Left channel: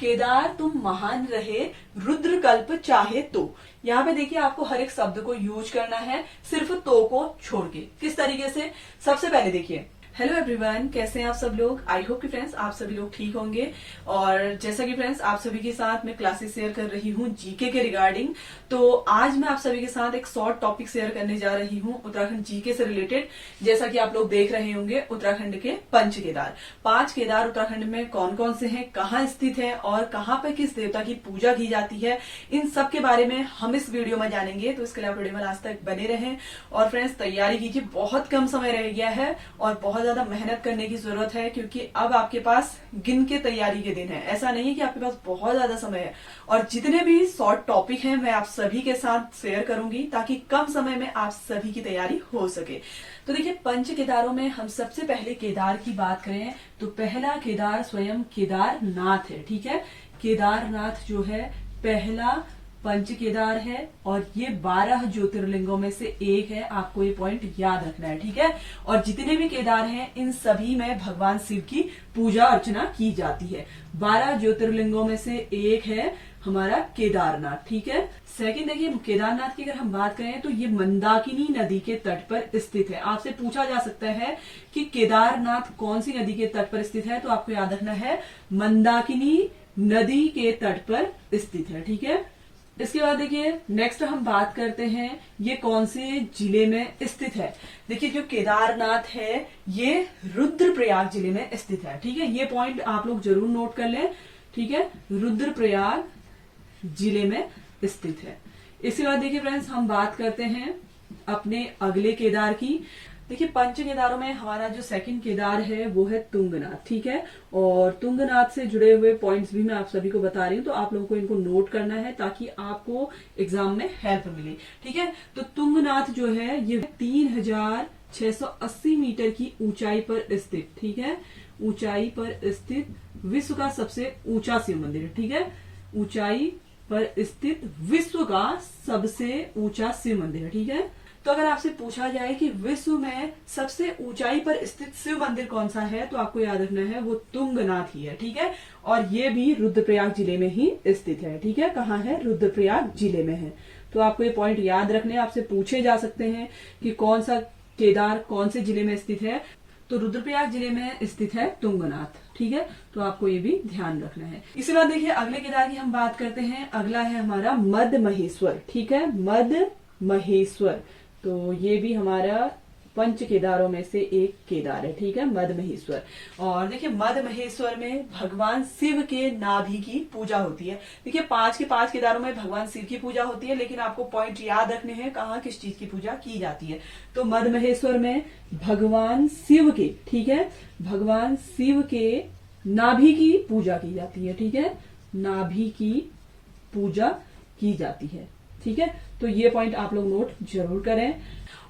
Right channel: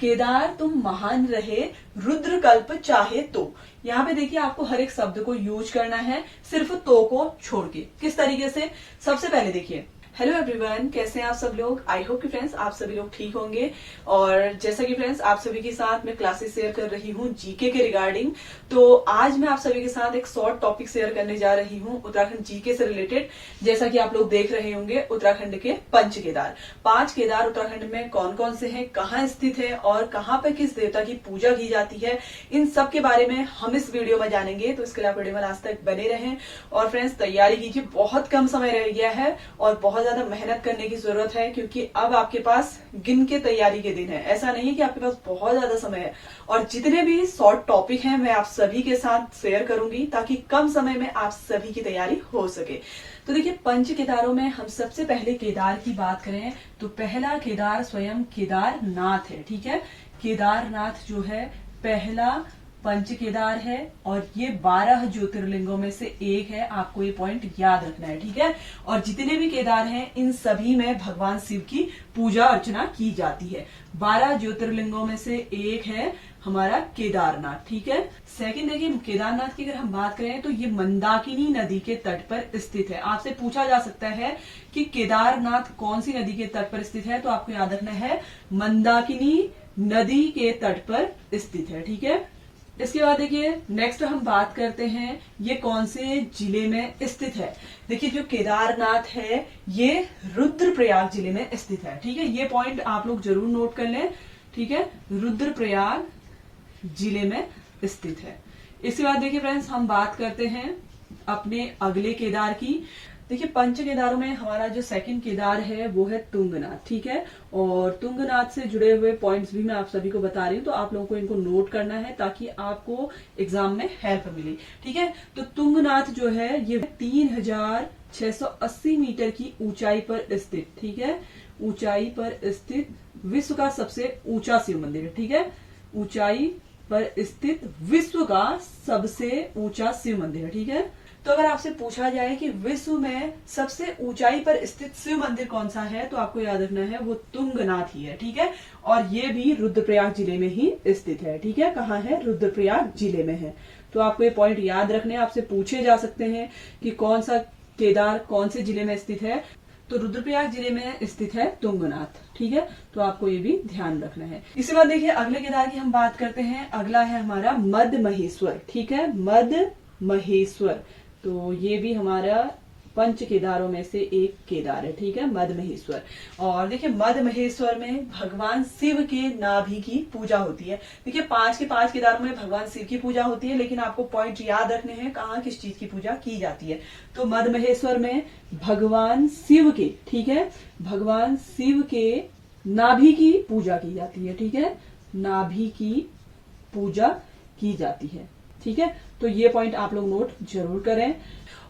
केदार तुम महान रहे, रुद्र कल्प चाहे तो। यहाँ पे देखिए आपको हर एक शब्द को यूज करना है, सिर्फ तो को छोड़ के। किस तरीके से? सबसे पहले देखिए, हेलो एवरीवन, कैसे हैं आप सब लोग। आई होप कि फ्रेंड्स आप सभी लोग ठीक होंगे। और जैसा कि फ्रेंड्स आप सभी के साथ मैं क्लासेस शेयर कर रही हूँ जीके के रिगार्डिंग, तो आज मैं आप सभी के साथ एक शॉर्ट टॉपिक शेयर करने जा रही हूँ उत्तराखंड जीके से रिलेटेड। जैसा कि आप लोग देख रहे होंगे, उत्तराखंड के पंच केदार, 5 केदार उत्तराखंड में कौन कौन से हैं, कहाँ स्थित है और कहाँ पे किस देवता की पूजा की जाती है, इन सब के बारे में हम इस वीडियो में जानेंगे। तो इसके लिए आप वीडियो में लास्ट तक बने रहें। और फ्रेंड्स तैयारी कीजिए, बहुत कम समय रह गया है और बहुत ज्यादा मेहनत करने की जरूरत है, क्योंकि अब आपके पास गिन के तैयारी के दिन है। ऐसा नहीं है कि आपके पास बहुत ज्यादा समय है। और जितने भी शॉर्ट टॉपिक हैं मैं आप सभी के साथ शेयर करूंगी, ताकि कम समय में आप सभी की तैयारी हो सके। तो देखिए, पंच केदारों में हम सबसे पहले केदार की बात करें तो पहला केदार स्वयं केदारनाथ है। ठीक है, केदारनाथ जो है पहला पंच केदार है और ये 12 ज्योतिर्लिंगों में से एक है। आपको ये पॉइंट याद रखना है। ठीक है, और जितने भी केदार हैं इन सभी में भगवान शिव की पूजा अर्चना की जाती है। 12 ज्योतिर्लिंगों में से एक है हमारा केदारनाथ। ठीक है, सेकंड देखिए, केदारनाथ की अगर हम बात करें तो ये मंदाकिनी नदी के तट पर स्थित है। आपसे पूछा जा सकता है कि केदारनाथ कौन सी नदी के तट पर स्थित है, तो आपको याद रखना है मंदाकिनी नदी के तट पर स्थित है। ठीक है, इसके बाद देखिए नेक्स्ट हम बात करते हैं ये कौन से जिले में स्थित है। देखिए, जो केदारनाथ है ये रुद्रप्रयाग जिले में स्थित है। ठीक है, ये पॉइंट आप लोग जरूर नोट कर लें। ठीक है, रुद्रप्रयाग जिले में स्थित है। इसके बाद देखिए फ्रेंड्स, हम बात करते हैं अपने अगले केदार की। देखिए, पंच केदारों में हमारा जो सेकंड केदार है वो है तुंगनाथ। ठीक है, और तुंगनाथ से जुड़े हुए पॉइंट्स भी मैं आप सभी को बता रही हूँ, तो आप लोगों को इनको नोट करना है ताकि आपको एग्जाम में हेल्प मिले। ठीक है, तो तुंगनाथ जो है ये 3680 मीटर की ऊंचाई पर स्थित, ठीक है, ऊंचाई पर स्थित विश्व का सबसे ऊंचा शिव मंदिर है। ठीक है, ऊंचाई पर स्थित विश्व का सबसे ऊंचा शिव मंदिर है। ठीक है, तो अगर आपसे पूछा जाए कि विश्व में सबसे ऊंचाई पर स्थित शिव मंदिर कौन सा है, तो आपको याद रखना है वो तुंगनाथ ही है। ठीक है, और ये भी रुद्रप्रयाग जिले में ही स्थित है। ठीक है, कहाँ है? रुद्रप्रयाग जिले में है। तो आपको ये पॉइंट याद रखने हैं। आपसे पूछे जा सकते हैं कि कौन सा केदार कौन से जिले में स्थित है, तो रुद्रप्रयाग जिले में स्थित है तुंगनाथ। ठीक है, तो आपको ये भी ध्यान रखना है। इसके बाद देखिए अगले केदार की हम बात करते हैं। अगला है हमारा मद महेश्वर। ठीक है, मद महेश्वर, तो ये भी हमारा पंच केदारों में से एक केदार है। ठीक है, मद महेश्वर। और देखिए मद महेश्वर में भगवान शिव के नाभि की पूजा होती है। देखिए 5 के 5 केदारों में भगवान शिव की पूजा होती है, लेकिन आपको पॉइंट याद रखने हैं कहाँ किस चीज की पूजा की जाती है। तो मद महेश्वर में भगवान शिव के, ठीक है, भगवान शिव के नाभि की पूजा की जाती है। ठीक है, नाभि की पूजा की जाती है। ठीक है, तो ये पॉइंट आप लोग नोट जरूर करें।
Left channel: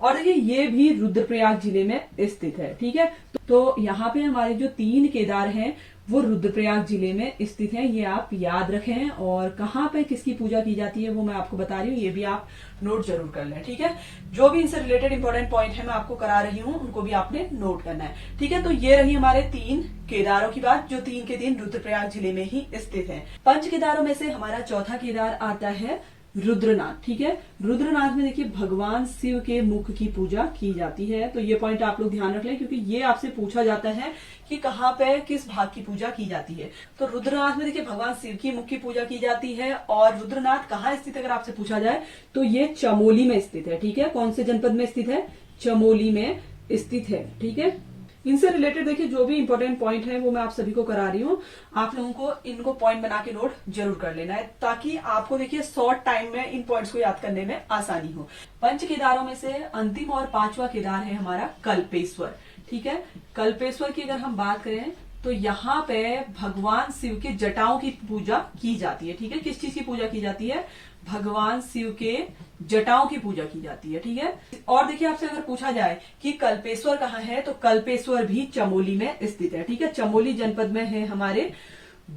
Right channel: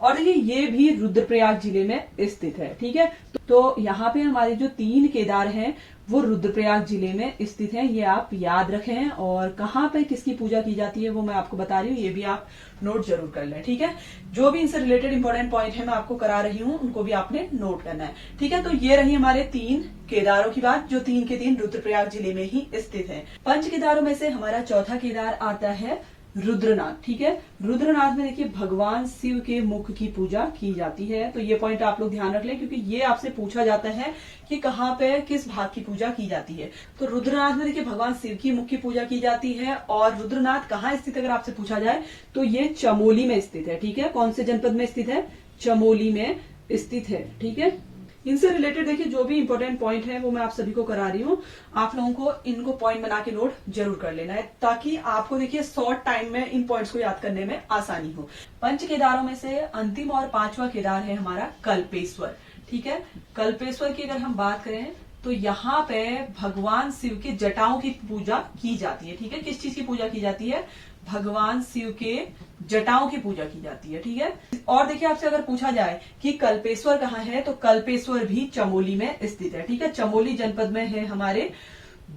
और देखिए ये भी रुद्रप्रयाग जिले में स्थित है। ठीक है, तो यहाँ पे हमारे जो 3 केदार हैं वो रुद्रप्रयाग जिले में स्थित हैं, ये आप याद रखें। और कहाँ पे किसकी पूजा की जाती है वो मैं आपको बता रही हूँ, ये भी आप नोट जरूर कर लें। ठीक है, जो भी इनसे रिलेटेड इंपॉर्टेंट पॉइंट है मैं आपको करा रही हूँ, उनको भी आपने नोट करना है। ठीक है, तो ये रही हमारे 3 केदारों की बात, जो 3 के 3 रुद्रप्रयाग जिले में ही स्थित है। पंच केदारों में से हमारा चौथा केदार आता है रुद्रनाथ। ठीक है, रुद्रनाथ में देखिए भगवान शिव के मुख की पूजा की जाती है। तो ये पॉइंट आप लोग ध्यान रख लें, क्योंकि ये आपसे पूछा जाता है कि कहाँ पे किस भाग की पूजा की जाती है। तो रुद्रनाथ में देखिए भगवान शिव की मुख की पूजा की जाती है। और रुद्रनाथ कहाँ स्थित है अगर आपसे पूछा जाए तो ये चमोली में स्थित है। ठीक है, कौन से जनपद में स्थित है? चमोली में स्थित है। ठीक है, इनसे रिलेटेड देखिए जो भी इंपॉर्टेंट पॉइंट है वो मैं आप सभी को करा रही हूँ। आप लोगों को इनको पॉइंट बना के नोट जरूर कर लेना है, ताकि आपको देखिए शॉर्ट टाइम में इन पॉइंट्स को याद करने में आसानी हो। पंच केदारों में से अंतिम और 5वां केदार है हमारा कल्पेश्वर। ठीक है, कल्पेश्वर की अगर हम बात करें तो यहाँ पे भगवान शिव के जटाओं की पूजा की जाती है। ठीक है, किस चीज की पूजा की जाती है? भगवान शिव के जटाओं की पूजा की जाती है। ठीक है, और देखिए आपसे अगर पूछा जाए कि कल्पेश्वर कहाँ है, तो कल्पेश्वर भी चमोली में स्थित है। ठीक है, चमोली जनपद में है हमारे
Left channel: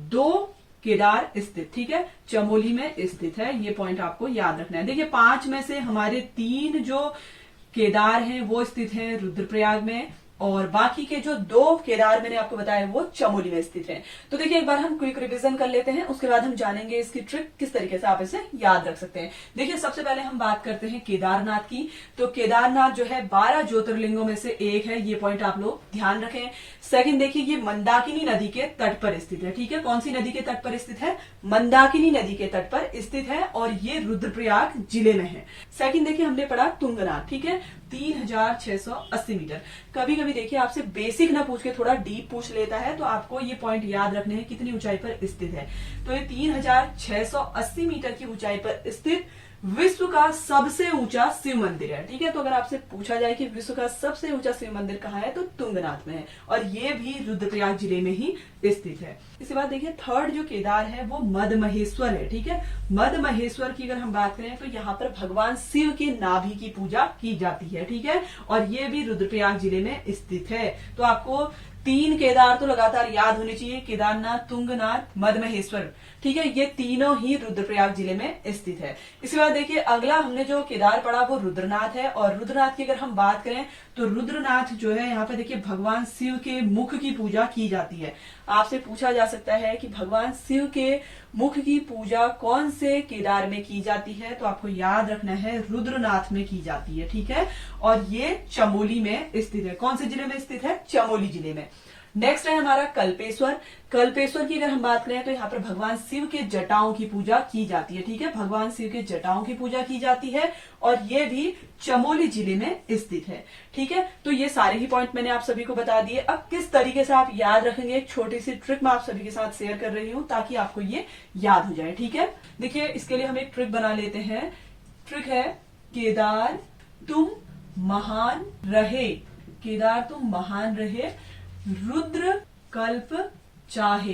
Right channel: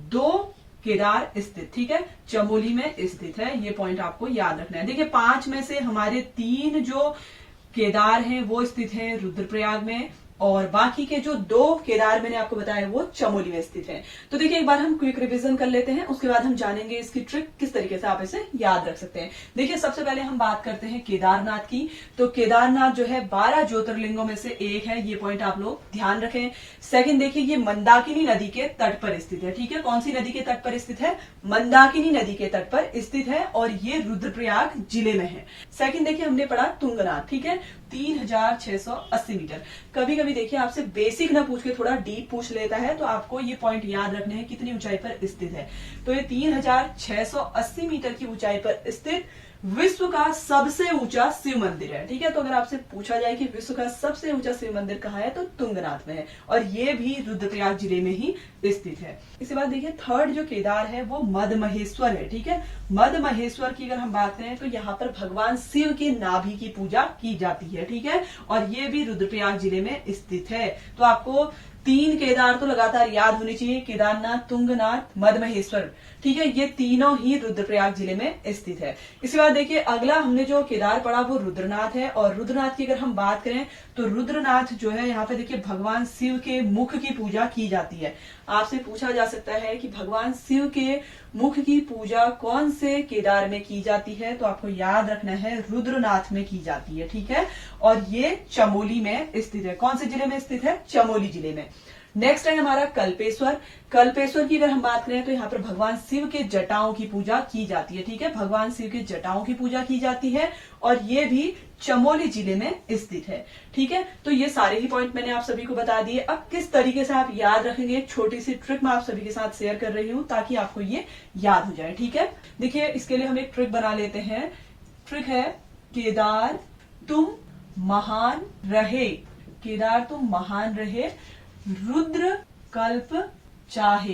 2 केदार स्थित। ठीक है, चमोली में स्थित है, ये पॉइंट आपको याद रखना है। देखिए 5 में से हमारे 3 जो केदार हैं वो स्थित हैं रुद्रप्रयाग में, और बाकी के जो 2 केदार मैंने आपको बताया वो चमोली में स्थित है। तो देखिए एक बार हम क्विक रिवीजन कर लेते हैं, उसके बाद हम जानेंगे इसकी ट्रिक किस तरीके से आप इसे याद रख सकते हैं। देखिए सबसे पहले हम बात करते हैं केदारनाथ की। तो केदारनाथ जो है 12 ज्योतिर्लिंगों में से एक है, ये पॉइंट आप लोग ध्यान रखें। सेकंड देखिए ये मंदाकिनी नदी के तट पर स्थित है, ठीक है। कौन सी नदी के तट पर स्थित है? मंदाकिनी नदी के तट पर स्थित है और ये रुद्रप्रयाग जिले में है। सेकंड देखिए हमने पढ़ा तुंगनाथ, ठीक है, 3680 मीटर। कभी कभी देखिए आपसे बेसिक ना पूछ के थोड़ा डीप पूछ लेता है, तो आपको ये पॉइंट याद रखने हैं कितनी ऊंचाई पर स्थित है। तो ये 3680 मीटर की ऊंचाई पर स्थित विश्व का सबसे ऊंचा शिव मंदिर है, ठीक है। तो अगर आपसे पूछा जाए कि विश्व का सबसे ऊंचा शिव मंदिर कहाँ है, तो तुंगनाथ में है और ये भी रुद्रप्रयाग जिले में ही स्थित है। इसके बाद देखिए थर्ड जो केदार है वो मदमहेश्वर है, ठीक है। मदमहेश्वर की अगर हम बात करें तो यहाँ पर भगवान शिव के नाभि की पूजा की जाती है, ठीक है, और ये भी रुद्रप्रयाग जिले में स्थित है। तो आपको 3 केदार तो लगातार याद होने चाहिए, केदारनाथ, तुंगनाथ, मदमहेश्वर, ठीक है। ये तीनों ही रुद्रप्रयाग जिले में स्थित है। इसके बाद देखिए अगला हमने जो केदार पढ़ा वो रुद्रनाथ है और रुद्रनाथ की अगर हम बात करें तो रुद्रनाथ जो है यहाँ पे देखिए भगवान शिव के मुख की पूजा की जाती है। आपसे पूछा जा सकता है कि भगवान शिव के मुख की पूजा कौन से केदार में की जाती है, तो आपको याद रखना है रुद्रनाथ में की जाती है, ठीक है। और ये चमोली में स्थित है। कौन से जिले में स्थित है? चमोली जिले में। नेक्स्ट है हमारा कल्पेश्वर। कल्पेश्वर की अगर हम बात करें तो यहाँ पर भगवान शिव के जटाओं की पूजा की जाती है, ठीक है। भगवान शिव के जटाओं की पूजा की जाती है और ये भी चमोली जिले में स्थित है, ठीक है। तो ये सारे ही पॉइंट मैंने आप सभी को बता दिए। अब किस तरीके से आप याद रखेंगे, एक छोटी सी ट्रिक मैं आप सभी के साथ शेयर कर रही हूँ ताकि आपको ये याद हो जाए, ठीक है। देखिए इसके लिए हम एक ट्रिक बना लेते हैं। ट्रिक है केदार तुम महान रहे, केदार तुम महान रहे, रुद्र कल्प चाहे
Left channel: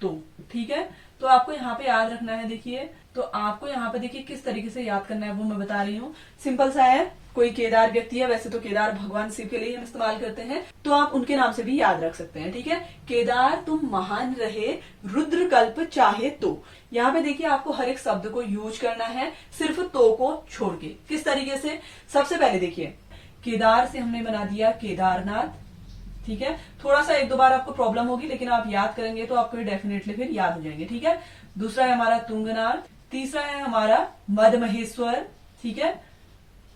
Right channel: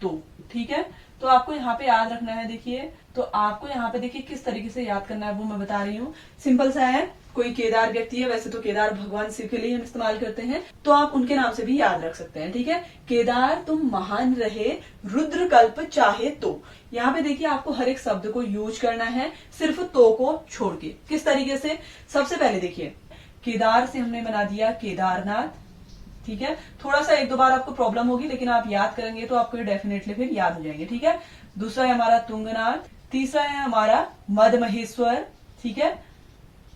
तो, ठीक है। तो आपको यहाँ पे याद रखना है। देखिए तो आपको यहाँ पे देखिए किस तरीके से याद करना है वो मैं बता रही हूँ। सिंपल सा है, कोई केदार व्यक्ति है, वैसे तो केदार भगवान शिव के लिए हम इस्तेमाल करते हैं, तो आप उनके नाम से भी याद रख सकते हैं, ठीक है। केदार तुम महान रहे, रुद्र कल्प चाहे तो। यहाँ पे देखिए आपको हर एक शब्द को यूज करना है, सिर्फ तो को छोड़ के। किस तरीके से? सबसे पहले देखिए केदार से हमने बना दिया केदारनाथ, ठीक है। थोड़ा सा 1-2 बार आपको प्रॉब्लम होगी लेकिन आप याद करेंगे तो आपको डेफिनेटली फिर याद हो जाएंगे, ठीक है। दूसरा है हमारा तुंगनाथ, तीसरा है हमारा मदमहेश्वर, ठीक है,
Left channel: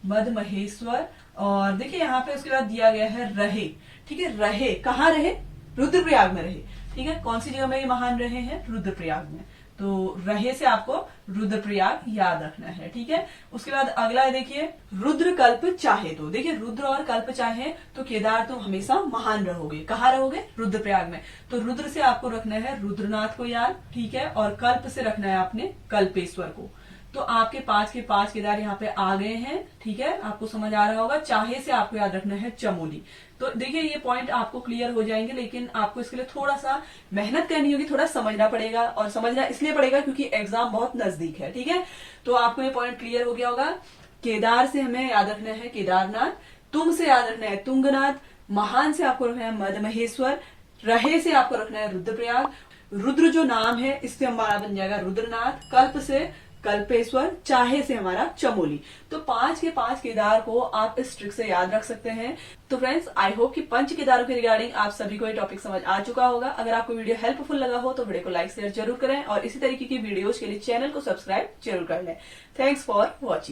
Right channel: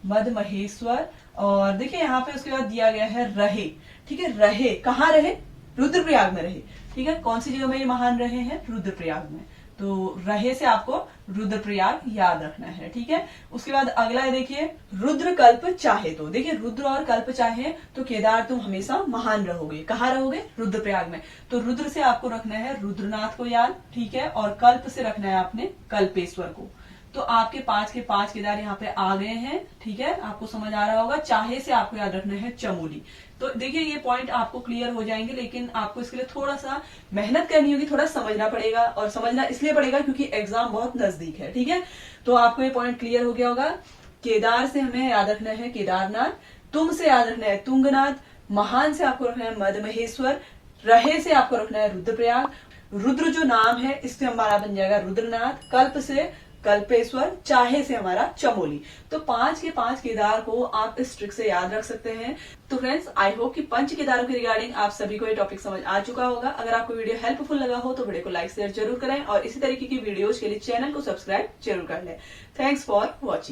मदमहेश्वर। और देखिए यहाँ पे उसके बाद दिया गया है रहे, ठीक है। रहे कहाँ रहे? रुद्रप्रयाग में रहे, ठीक है। कौन सी जगह में ये महान रहे हैं? रुद्रप्रयाग में। तो रहे से आपको रुद्रप्रयाग याद रखना है, ठीक है। उसके बाद अगला है देखिए रुद्र कल्प चाहे तो। देखिए रुद्र और कल्प चाहे तो केदार तुम हमेशा महान रहोगे। कहाँ रहोगे? रुद्रप्रयाग में। तो रुद्र से आपको रखना है रुद्रनाथ को याद, ठीक है, और कल्प से रखना है आपने कल्पेश्वर को। तो आपके 5 के 5 केदार यहाँ पे आ गए हैं, ठीक है। आपको समझ आ रहा होगा। चाहे से आपको याद रखना है चमोली। तो देखिए ये पॉइंट आपको क्लियर हो जाएंगे, लेकिन आपको इसके लिए थोड़ा सा मेहनत करनी होगी, थोड़ा समझना पड़ेगा। और समझना इसलिए पड़ेगा क्योंकि एग्जाम बहुत नजदीक है, ठीक है। तो आपको ये पॉइंट क्लियर हो गया होगा। केदार से हमें याद रखना है केदारनाथ, तुम से याद रखना है तुंगनाथ, महान से आपको रखना है मदमहेश्वर, रहे से आपको रखना है रुद्रप्रयाग, रुद्र जो नाम है इससे हमारा बन जाएगा रुद्रनाथ, कल्प से कल्पेश्वर, चाहे से हमारा चमोली। तो 5 के 5 केदार को आप इस ट्रिक से याद रख सकते हैं। तो फ्रेंड्स आई होप कि 5 केदारों के रिगार्डिंग आप सभी को ये टॉपिक समझ आ चुका होगा। अगर आपको वीडियो हेल्पफुल लगा हो तो वीडियो को लाइक शेयर जरूर करें और इसी तरीके की वीडियोज के लिए चैनल को सब्सक्राइब जरूर कर लें। Thanks for watching.